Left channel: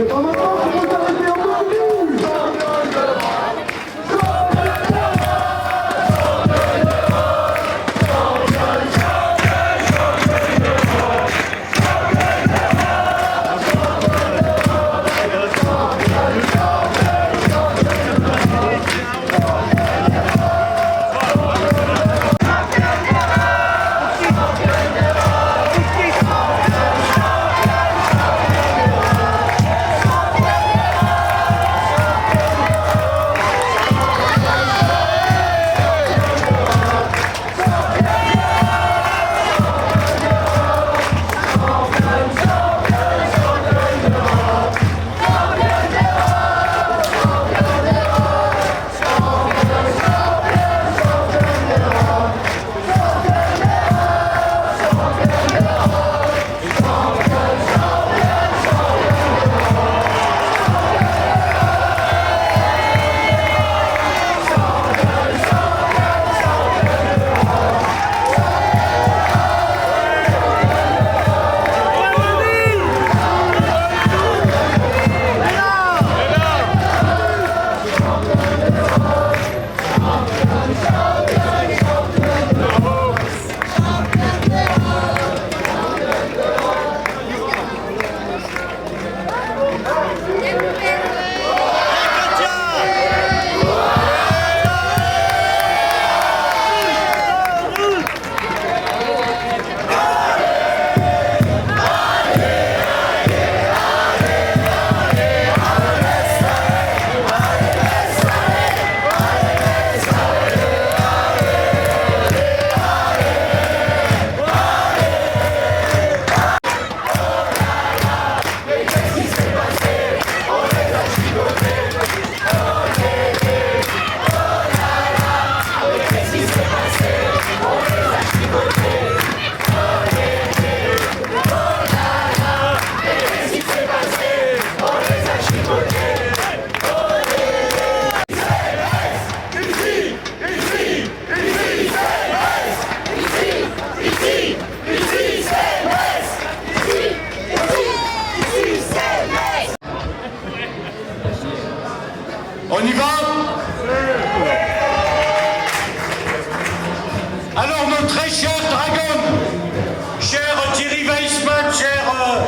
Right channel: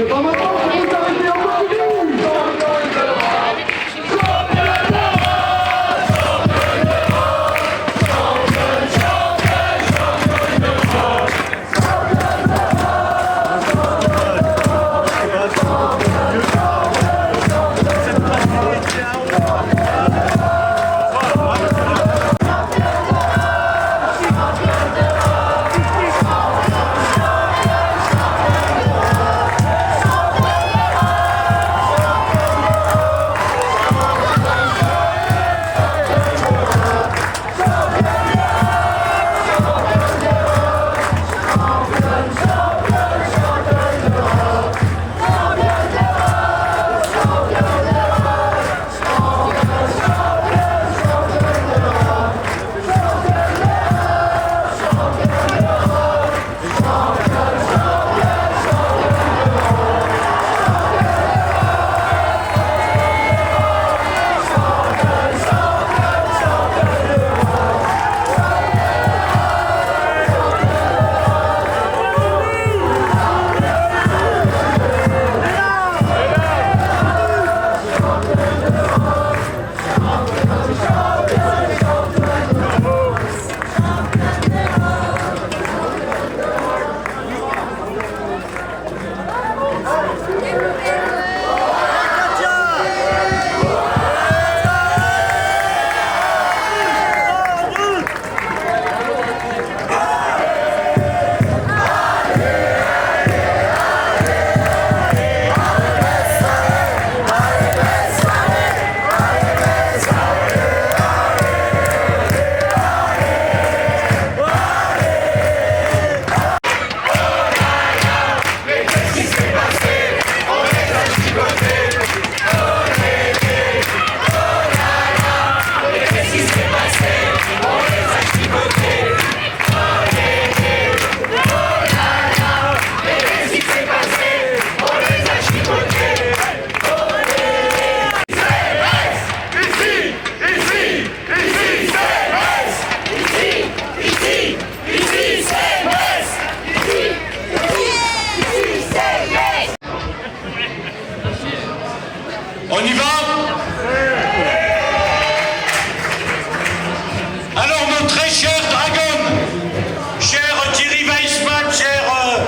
C'est pas maintenant qu'il faut s'arrêter, on continue. On y va? Alors nos très chers dragons, cher Thierry Weissman, cher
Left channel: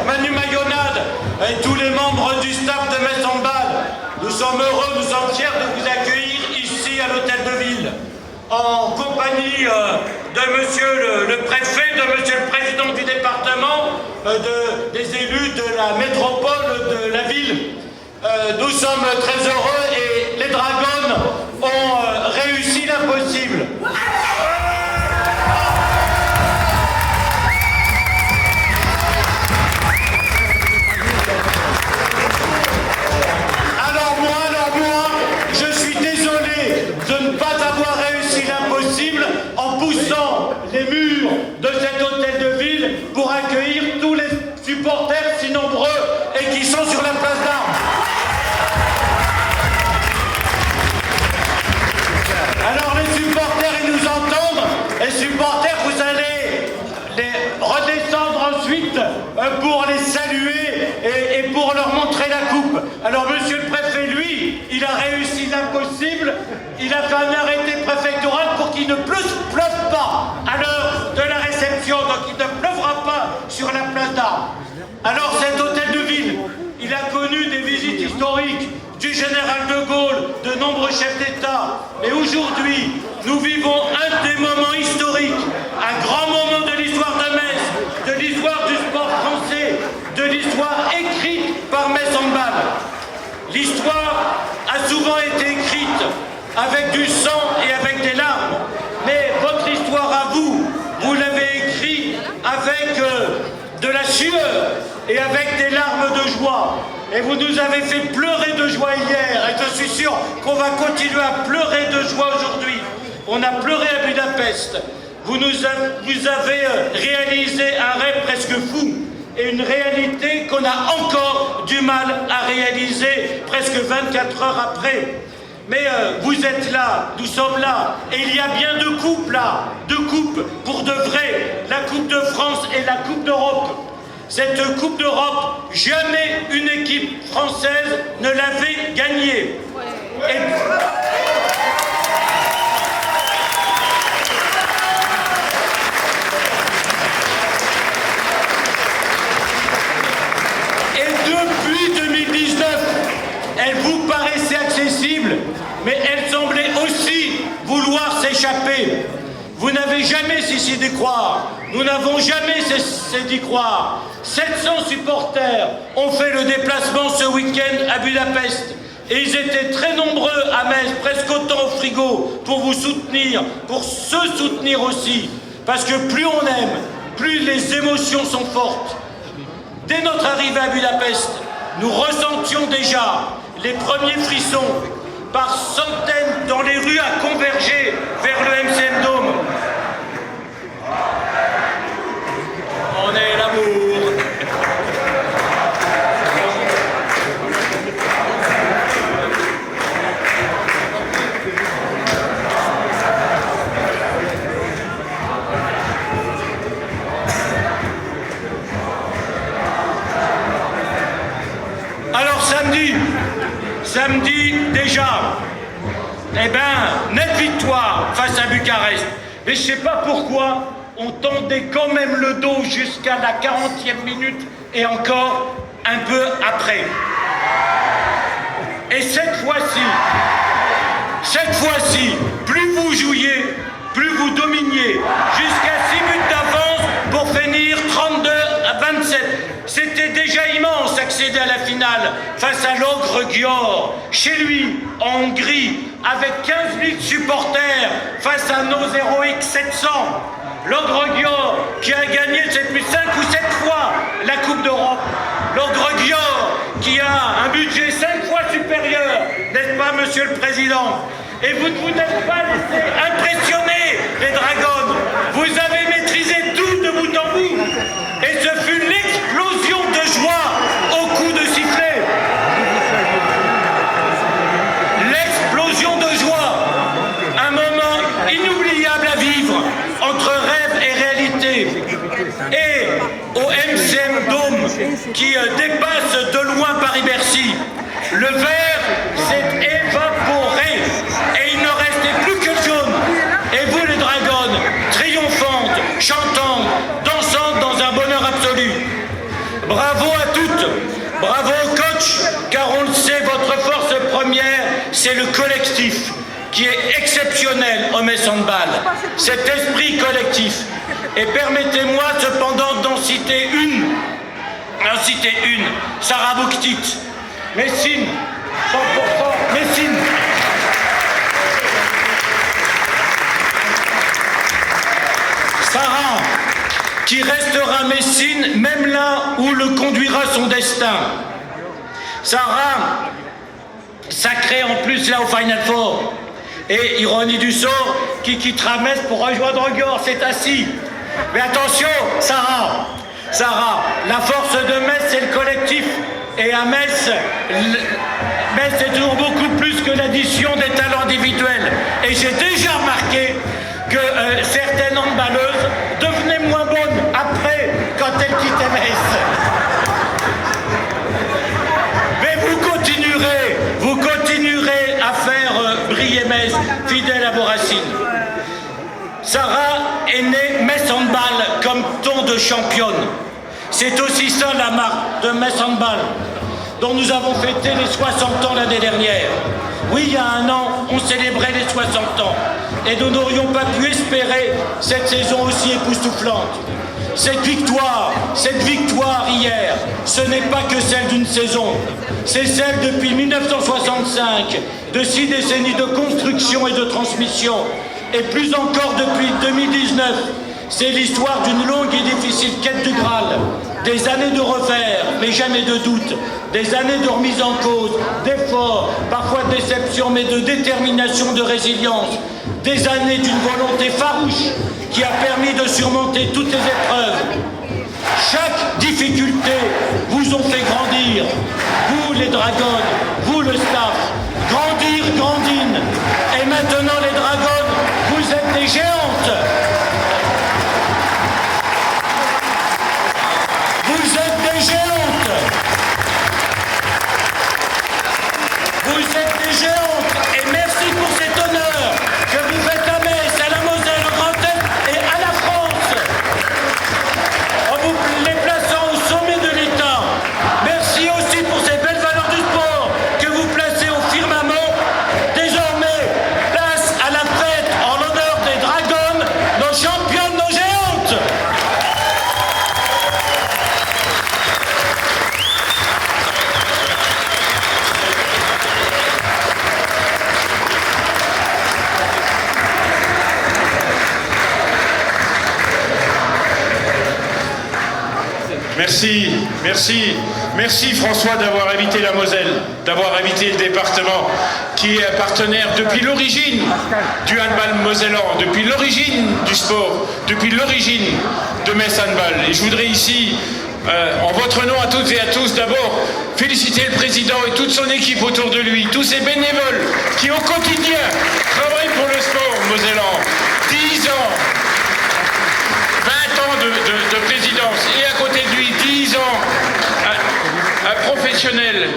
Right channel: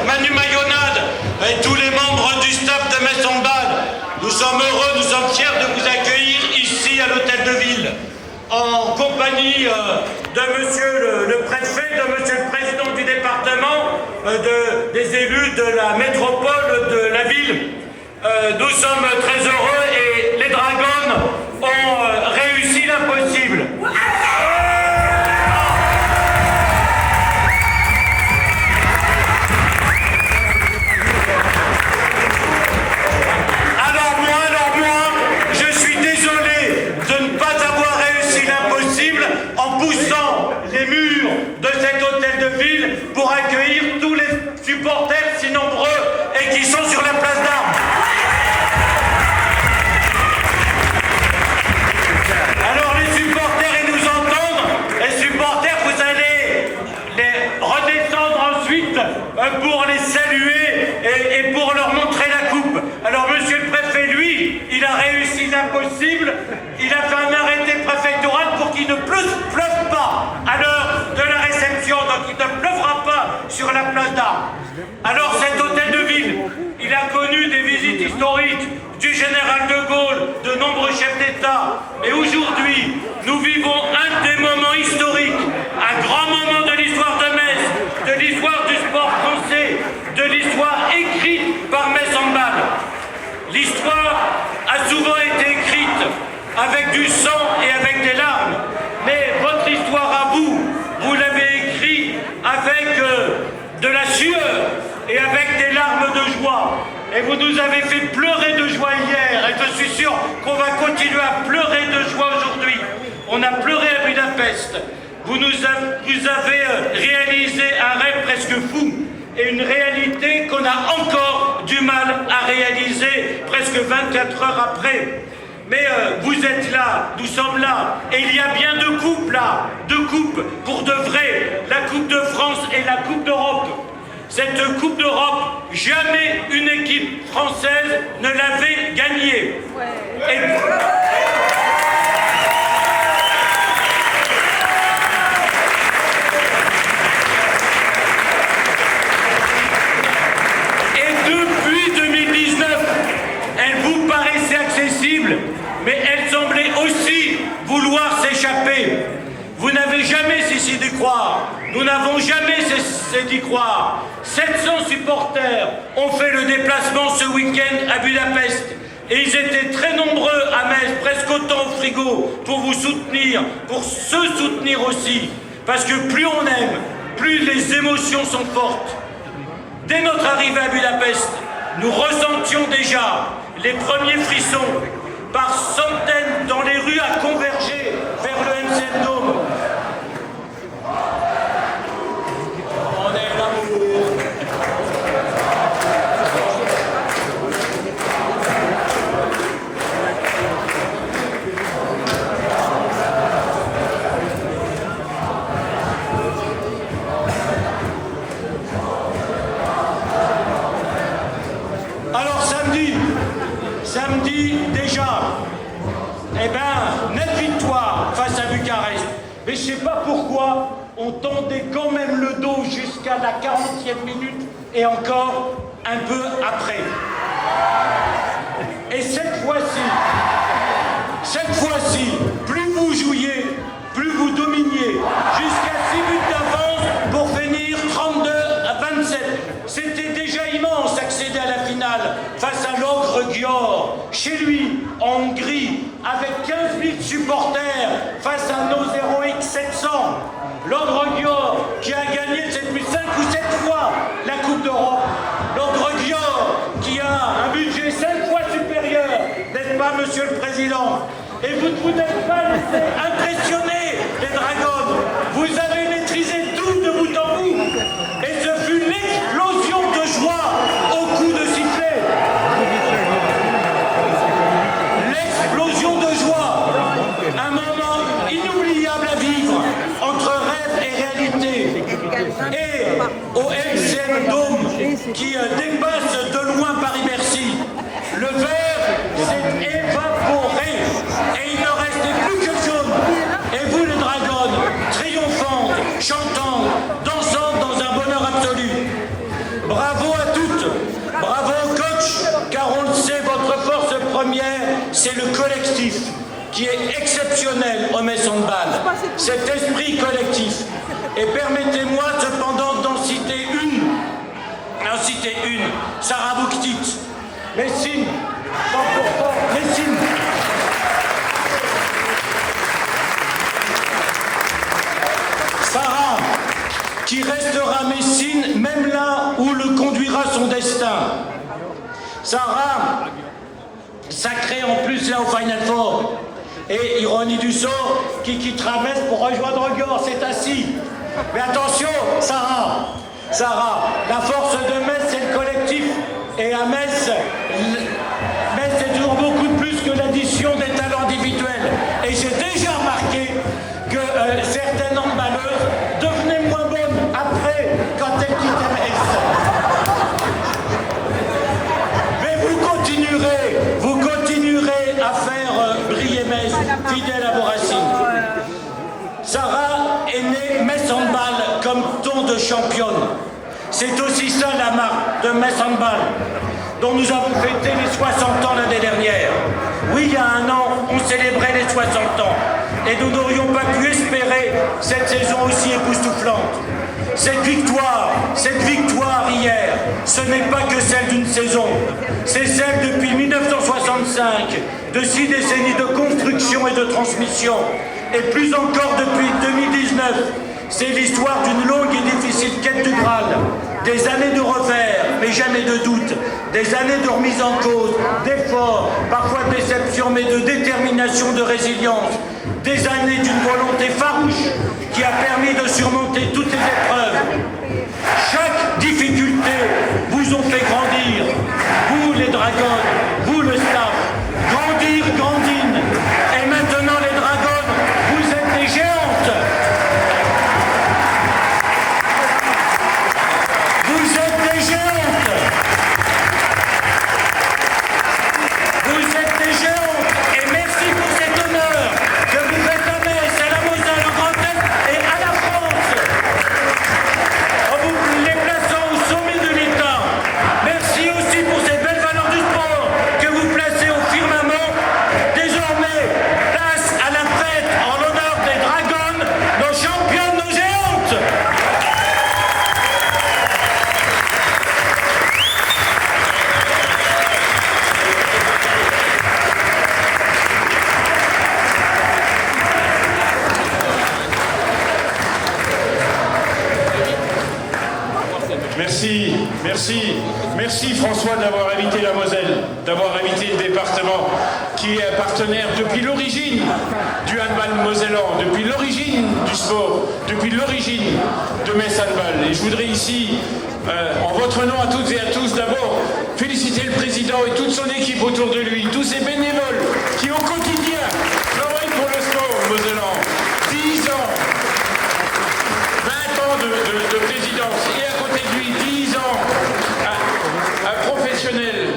Manu Mayonade et tous les membres du staff de Metz-en-Bade, nous sommes heureux, nous sommes fiers de vous accueillir ici à l'hôtel de ville, en compagnie de monsieur le préfet, de monsieur le président du département, des élus de la métropole de la ville. Nous sommes très heureux et les dragons ont réussi l'impossible. Alors moi, je suis désolé de ne pas avoir réussi l'impossible en poussant les murs de cet hôtel de ville pour accueillir tous les supporters si nombreux et qui sont sur la place d'Armes. Alors les supporters, ils nous entendent. Les supporters, vous allez les redescendre ensuite pour les saluer et pour leur montrer la coupe. Alors monsieur le préfet, lui, il a réussi l'impossible. Il a fait un arrêté préfectoral pour qu'il ne pleuve pas à l'heure de la réception. Donc il ne pleuvra pas sur la place d'Armes. Alors cet hôtel de ville, il a connu des visites historiques du général de Gaulle, de nombreux chefs d'État. Et aujourd'hui, nous vivons un des moments historiques, un grand moment de l'histoire de Metz, de l'histoire du sport français, de l'histoire écrite par Metz-en-Bade. L'histoire a souvent été écrite avec du sang et avec des larmes. Mais votre histoire à vous, vous l'avez écrite avec de la sueur et avec des larmes de joie. Et vous nous avez fait pleurer de joie hier, et je suis sûr qu'on va continuer à pleurer de joie aujourd'hui. On a pleuré à Budapest. Vous avez réalisé un rêve presque fou, et une réalité qu'on a encore du mal à réaliser presque 24 heures après. Mais vous êtes là, nous sommes là, et il y a bien deux coupes là, deux coupes pour de vrai, la Coupe de France et la Coupe d'Europe. Cette Coupe d'Europe, jamais une équipe française ne l'avait gagnée. Et depuis 2019, elle vous paraissait accessible, mais elle semblait aussi vouloir s'échapper. Vous n'avez jamais cessé d'y croire. Nous n'avons jamais cessé d'y croire. 700 supporters ont fait le déplacement ce week-end à Budapest. Et ils étaient très nombreux à Metz, presque autant au frigo, pour vous soutenir, pour se soutenir aussi. Parce que plus on aime, plus les émotions sont fortes. Dès notre arrivée à Budapest, nous ressentions déjà les premiers frissons. Par centaines dans les rues à converger vers le MCM Dome. On est l'amour. Alors samedi déjà, eh ben, nette victoire face à Bucarest. Mais je ne sais pas pourquoi on tendait quand même le dos jusqu'à la 40e minute et encore un peu après. Et cette fois-ci, plus vous jouiez, plus vous dominiez, jusqu'à 6 buts d'avance pour finir 32-27. C'était déjà immense accéder à la finale face à l'Ogre Győr, chez lui, en Hongrie, avec 15 000 supporters face à nos héroïques 700. L'Ogre Győr qui a gagné depuis 5 ou 7 fois la Coupe d'Europe. L'Ogre Győr qui a un budget 5 fois supérieur, n'est-ce pas, Monsieur le Président? Et vous ne vous êtes pas laissé impressionner, les Dragons. Vous avez maîtrisé tout de bout en bout. Et ce fut l'explosion de joie au coup de sifflet. L'explosion de joie. Un moment inoubliable à vivre entre rêve et réalité. Et au MCM Dome qui dépasse de loin Paris-Bercy, le vert s'est évaporé et il ne restait plus que le jaune. Et vous les Dragons, triomphantes, chantantes, dansantes dans un bonheur absolu. Bravo à toutes, bravo au coach, car on le sait, votre force première, c'est le collectif qui est exceptionnel au Metz Handball. Cet esprit collectif. Et permettez-moi cependant d'en citer une, Sarah Bouktit, Messine, 100%, Messine. Sarah, qui restera Messine, même là où le conduira son destin. Sarah, sacrée en plus là au Final Four. Et ironie du sort, qui quittera Metz pour rejoindre Győr, c'est assis. Mais attention, Sarah, la force de Metz, c'est le collectif. Et à Metz, c'est toujours beaucoup plus que l'addition des talents individuels. Et j'ai déjà remarqué que certaines handballeuses devenaient moins bonnes après, quand elles quittaient Metz. Mais vous continuerez à faire briller Metz, fidèle à vos racines. Sarah est née Metz Handball comme ton de championne. C'est aussi ça la marque de Metz Handball, dont nous avons fêté les 60 ans l'année dernière. Oui, il y a un an, on célébrait les 60 ans. Et nous n'aurions pas pu espérer cette saison aussi époustouflante. Cette victoire hier, ce n'est pas que celle d'une saison. C'est celle depuis 1965, de 6 décennies de construction et de transmission. Et plus encore depuis 2019, c'est l'histoire d'une longue et difficile quête du Graal. Des années de revers, mais jamais de doute. Des années de remise en cause, d'efforts, parfois de déception, mais de détermination, de résilience. Des années d'une volonté farouche qui a permis de surmonter toutes les épreuves. Chaque difficulté vous ont fait grandir. Vous les Dragons, vous le staff. Grandir, grandine. Et maintenant les Dragons, vous êtes des géantes. Vous êtes Merci François d'avoir invité la Moselle, d'avoir invité le département qui est un partenaire depuis l'origine du handball mosellan, depuis l'origine du sport, depuis l'origine de Metz Handball. Et je voudrais ici, en votre nom à toutes et à tous, d'abord féliciter le président et toute son équipe autour de lui, tous ces bénévoles qui au quotidien travaillent pour le sport mosellan. 10 ans, 20 ans de présidence et à côté de lui 10 ans, un professionnel,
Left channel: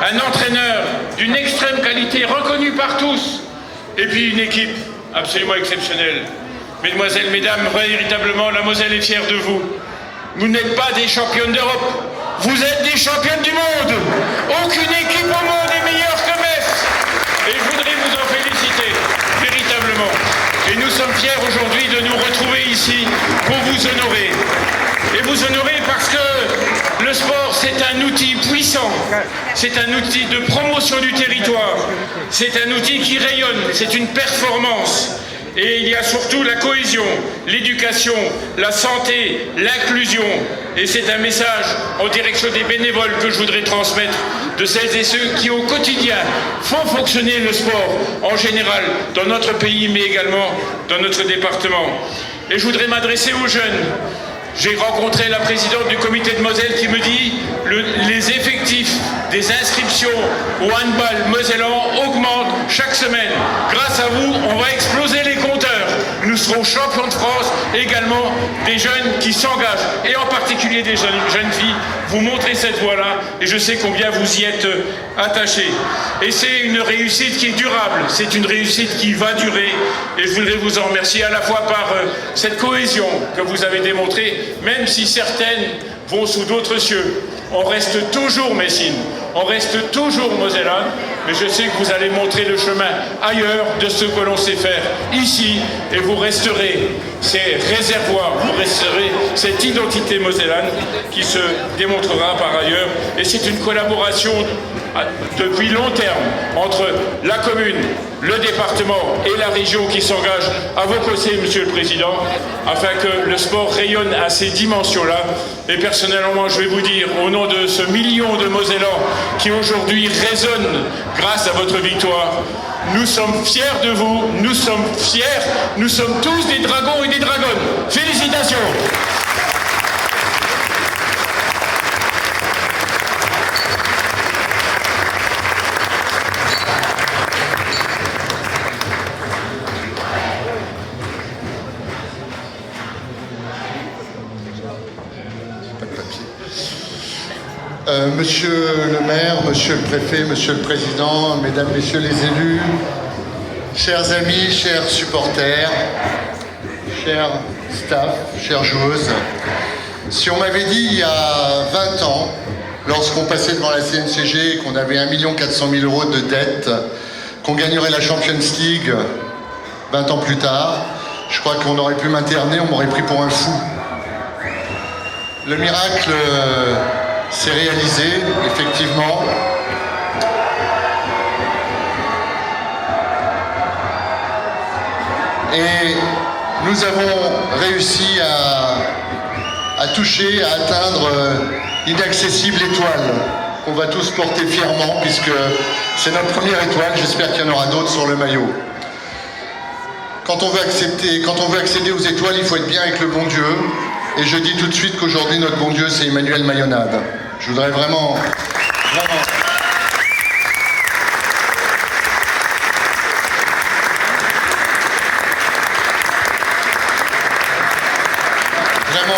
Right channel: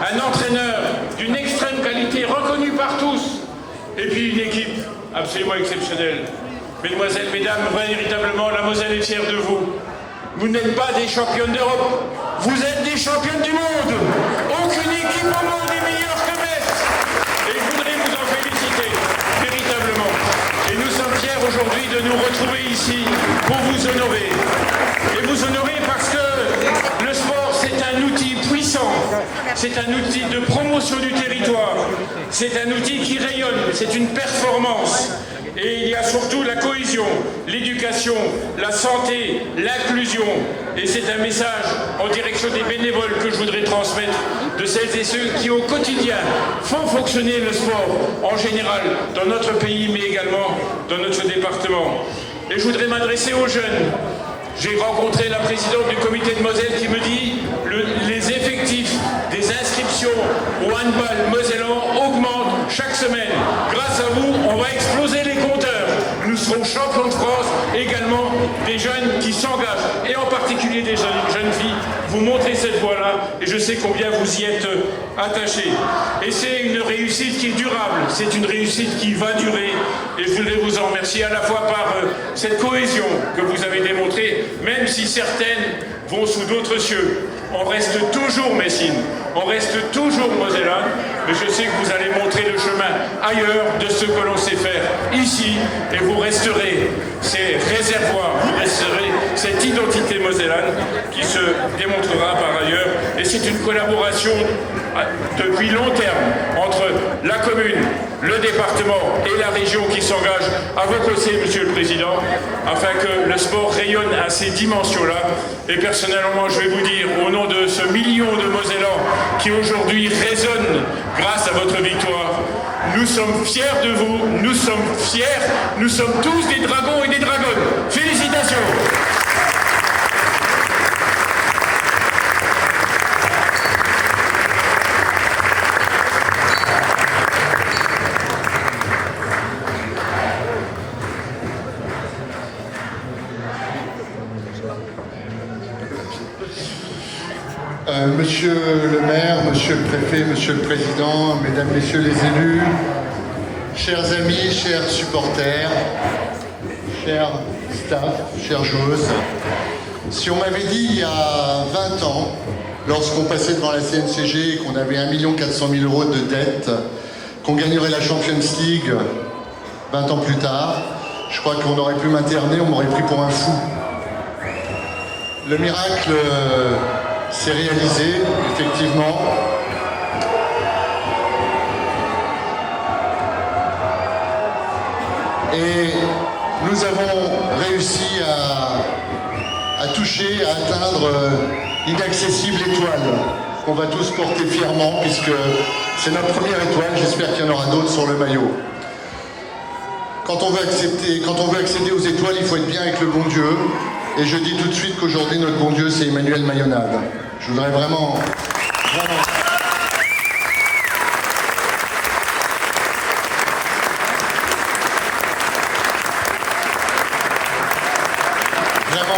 un entraîneur d'une extrême qualité reconnu par tous et puis une équipe absolument exceptionnelle. Mesdemoiselles, mesdames, véritablement la Moselle est fière de vous. Vous n'êtes pas des championnes d'Europe, vous êtes des championnes du monde. Aucune équipe au monde est meilleure que Metz. Et je voudrais vous en féliciter, véritablement. Et nous sommes fiers aujourd'hui de nous retrouver ici pour vous honorer. Et vous honorer parce que le sport, c'est un outil puissant. C'est un outil de promotion du territoire. C'est un outil qui rayonne. C'est une performance. Et il y a surtout la cohésion, l'éducation, la santé, l'inclusion. Et c'est un message en direction des bénévoles que je voudrais transmettre, de celles et ceux qui au quotidien font fonctionner le sport en général dans notre pays, mais également dans notre département. Et je voudrais m'adresser aux jeunes. J'ai rencontré la présidente du comité de Moselle qui me dit les effectifs des inscriptions au handball mosellan augmentent chaque semaine. Grâce à vous, on va exploser les compteurs. Nous serons champions de France, également des jeunes qui s'engagent, et en particulier des jeunes filles. Vous montrez cette voie-là, et je sais combien vous y êtes attachés. Et c'est une réussite qui est durable, c'est une réussite qui va durer, et je voudrais vous en remercier à la fois par cette cohésion que vous avez démontrée, même si certaines vont sous d'autres cieux. On reste toujours messines, on reste toujours mosellans, mais je sais que vous allez montrer le chemin ailleurs de ce que l'on sait faire ici, et vous resterez ces réservoirs, vous resterez cette identité mosellane qui se démontrera par ailleurs. Et c'est une collaboration depuis long terme entre la commune, le département et la région qui s'engagent à vos côtés, Monsieur le Président, afin que le sport rayonne à ces dimensions-là. Et personnellement, je vais vous dire, au nom de ce million de Mosellans qui aujourd'hui résonnent grâce à votre victoire, nous sommes fiers de vous, nous sommes fiers, nous sommes tous des dragons et des dragonnes. Félicitations! Monsieur le maire, monsieur le préfet, monsieur le président, mesdames, messieurs les élus, chers amis, chers supporters, chers staff, chères joueuses, si on m'avait dit il y a 20 ans, lorsqu'on passait devant la CNCG et qu'on avait 1 400 000 € de dette, qu'on gagnerait la Champions League 20 ans plus tard, je crois qu'on aurait pu m'interner, on m'aurait pris pour un fou. Le miracle s'est réalisé, effectivement. Et nous avons réussi à toucher, à atteindre l'inaccessible étoile qu'on va tous porter fièrement, puisque c'est notre première étoile, j'espère qu'il y en aura d'autres sur le maillot. Quand on veut accéder aux étoiles, il faut être bien avec le bon Dieu. Et je dis tout de suite qu'aujourd'hui, notre bon Dieu, c'est Emmanuel Mayonnade. Je voudrais vraiment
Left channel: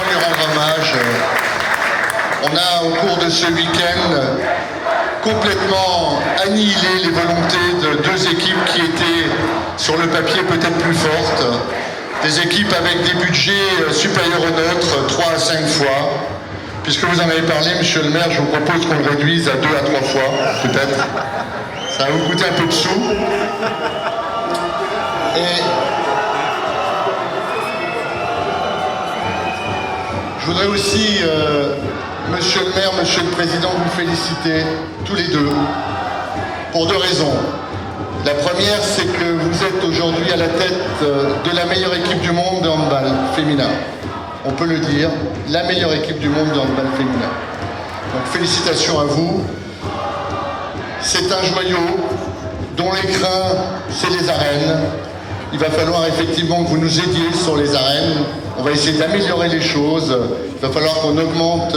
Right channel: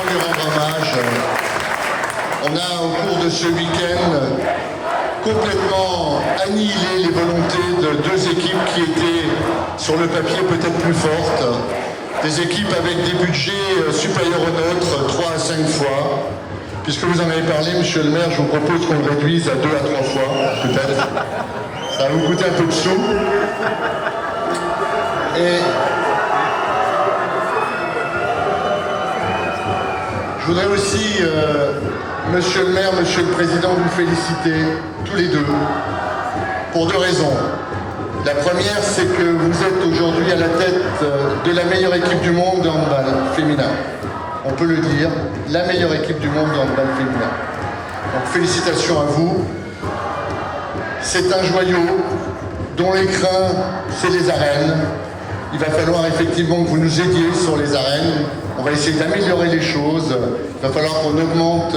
lui rendre hommage. On a, au cours de ce week-end, complètement annihilé les volontés de deux équipes qui étaient, sur le papier, peut-être plus fortes. Des équipes avec des budgets supérieurs aux nôtres, 3 à 5 fois. Puisque vous en avez parlé, monsieur le maire, je vous propose qu'on le réduise à 2 à 3 fois, peut-être. Ça va vous coûter un peu de sous. Et je voudrais aussi, monsieur le maire, monsieur le président, vous féliciter tous les deux, pour 2 raisons. La première, c'est que vous êtes aujourd'hui à la tête de la meilleure équipe du monde de handball féminin. On peut le dire, la meilleure équipe du monde de handball féminin. Donc félicitations à vous. C'est un joyau dont l'écrin, c'est les arènes. Il va falloir effectivement que vous nous aidiez sur les arènes. On va essayer d'améliorer les choses. Il va falloir qu'on augmente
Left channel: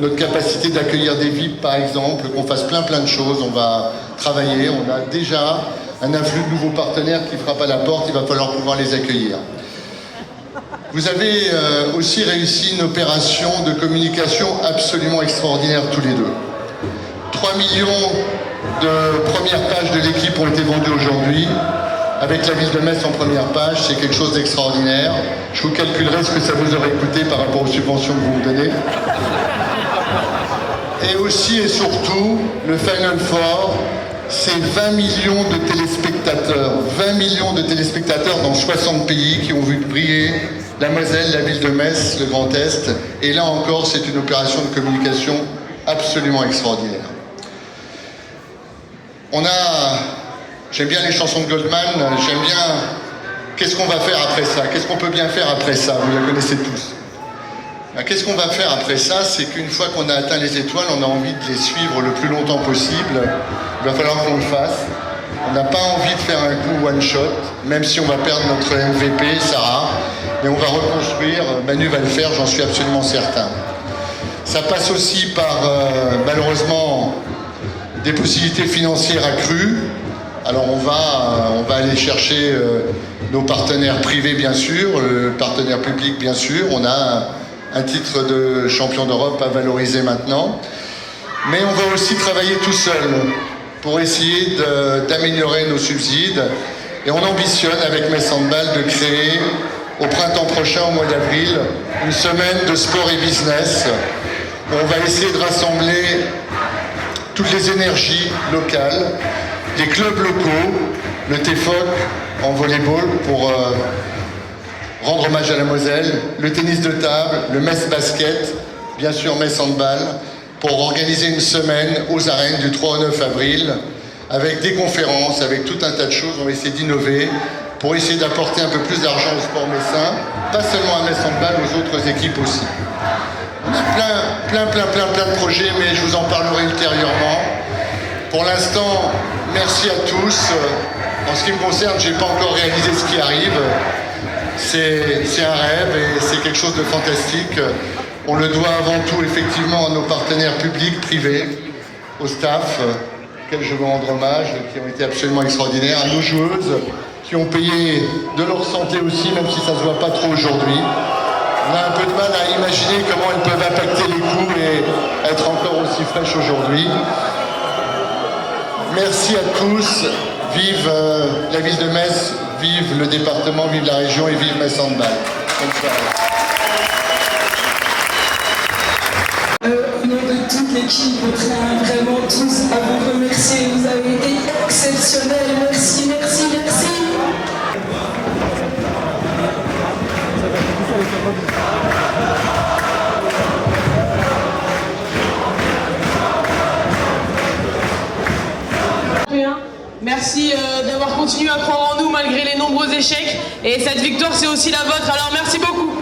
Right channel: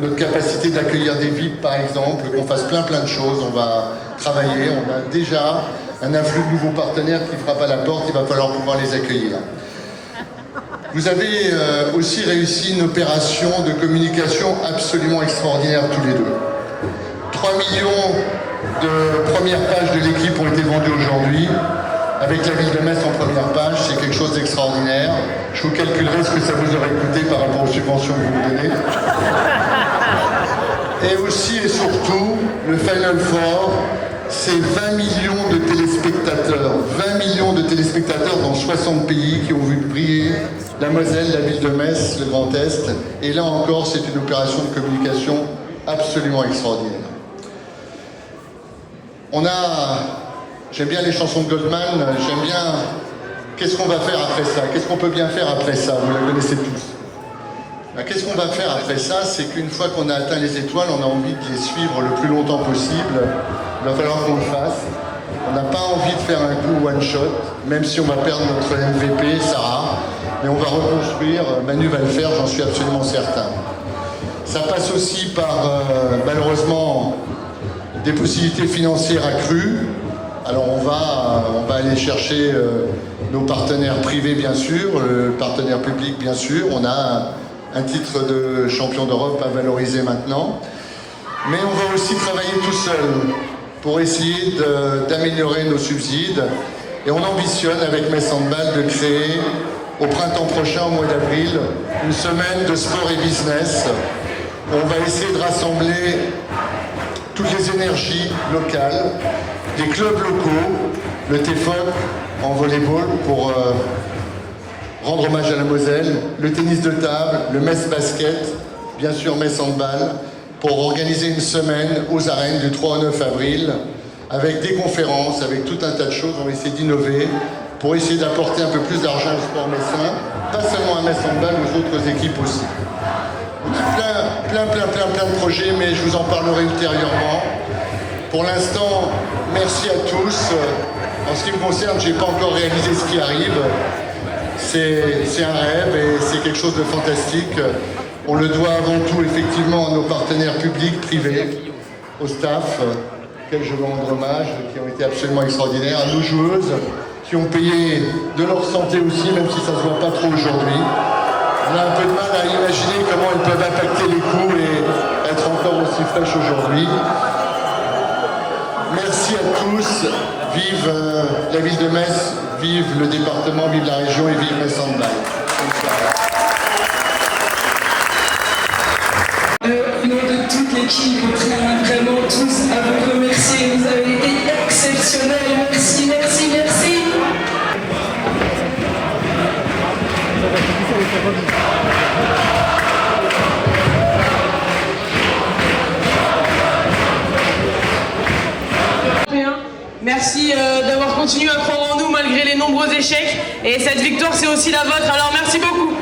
notre capacité d'accueillir des VIP, par exemple, qu'on fasse plein de choses. On va travailler. On a déjà un afflux de nouveaux partenaires qui frappent à la porte. Il va falloir pouvoir les accueillir. Vous avez aussi réussi une opération de communication absolument extraordinaire tous les deux. 3 millions de premières pages de l'équipe ont été vendues aujourd'hui. Avec la ville de Metz en première page, c'est quelque chose d'extraordinaire. Je vous calculerai ce que ça vous aurait coûté par rapport aux subventions que vous me donnez. Et aussi et surtout, le Final Four, c'est 20 millions de téléspectateurs. 20 millions de téléspectateurs dans 60 pays qui ont vu briller la Moselle, la ville de Metz, le Grand Est. Et là encore, c'est une opération de communication absolument extraordinaire. J'aime bien les chansons de Goldman, j'aime bien... Qu'est-ce qu'on va faire après ça? Qu'est-ce qu'on peut bien faire après ça? Vous la connaissez tous. Qu'est-ce qu'on va faire après ça? C'est qu'une fois qu'on a atteint les étoiles, on a envie de les suivre le plus longtemps possible. Il va falloir qu'on le fasse. On n'a pas envie de faire un coup one-shot, même si on va perdre notre MVP, Sarah. Mais on va reconstruire, Manu va le faire, j'en suis absolument certain. Ça passe aussi par, malheureusement, des possibilités financières accrues. Alors on va aller chercher nos partenaires privés bien sûr, le partenaire public bien sûr. On a un titre de champion d'Europe à valoriser maintenant. Mais on va aussi travailler tout seul pour essayer d'améliorer nos subsides. Et on ambitionne avec Metz Handball de créer au printemps prochain, au mois d'avril, une semaine de sport et business. On va essayer de rassembler toutes les énergies locales, des clubs locaux, le TFOC en volleyball pour rendre hommage à la Moselle, le tennis de table, le Metz Basket, bien sûr Metz Handball, pour organiser une semaine aux arènes du 3 au 9 avril, avec des conférences, avec tout un tas de choses. On va essayer d'innover pour essayer d'apporter un peu plus d'argent au sport messin, pas seulement à Metz Handball, aux autres équipes aussi. On a plein de projets, mais je vous en parlerai ultérieurement. Pour l'instant, merci à tous. En ce qui me concerne, je n'ai pas encore réalisé ce qui arrive. C'est un rêve et c'est quelque chose de fantastique. On le doit avant tout effectivement à nos partenaires publics, privés, au staff, auxquels je veux rendre hommage, qui ont été absolument extraordinaires, à nos joueuses, qui ont payé de leur santé aussi, même si ça ne se voit pas trop aujourd'hui. On a un peu de mal à imaginer comment elles peuvent impacter les coups et être encore aussi fraîches aujourd'hui. Merci à tous. Vive la ville de Metz, vive le département, vive la région et vive Metz Handball. Au nom de toute l'équipe, on tient vraiment tous à vous remercier. Vous avez été exceptionnels. Merci, merci, merci. Merci d'avoir continué à croire en nous malgré les nombreux échecs. Et cette victoire, c'est aussi la vôtre. Alors merci beaucoup.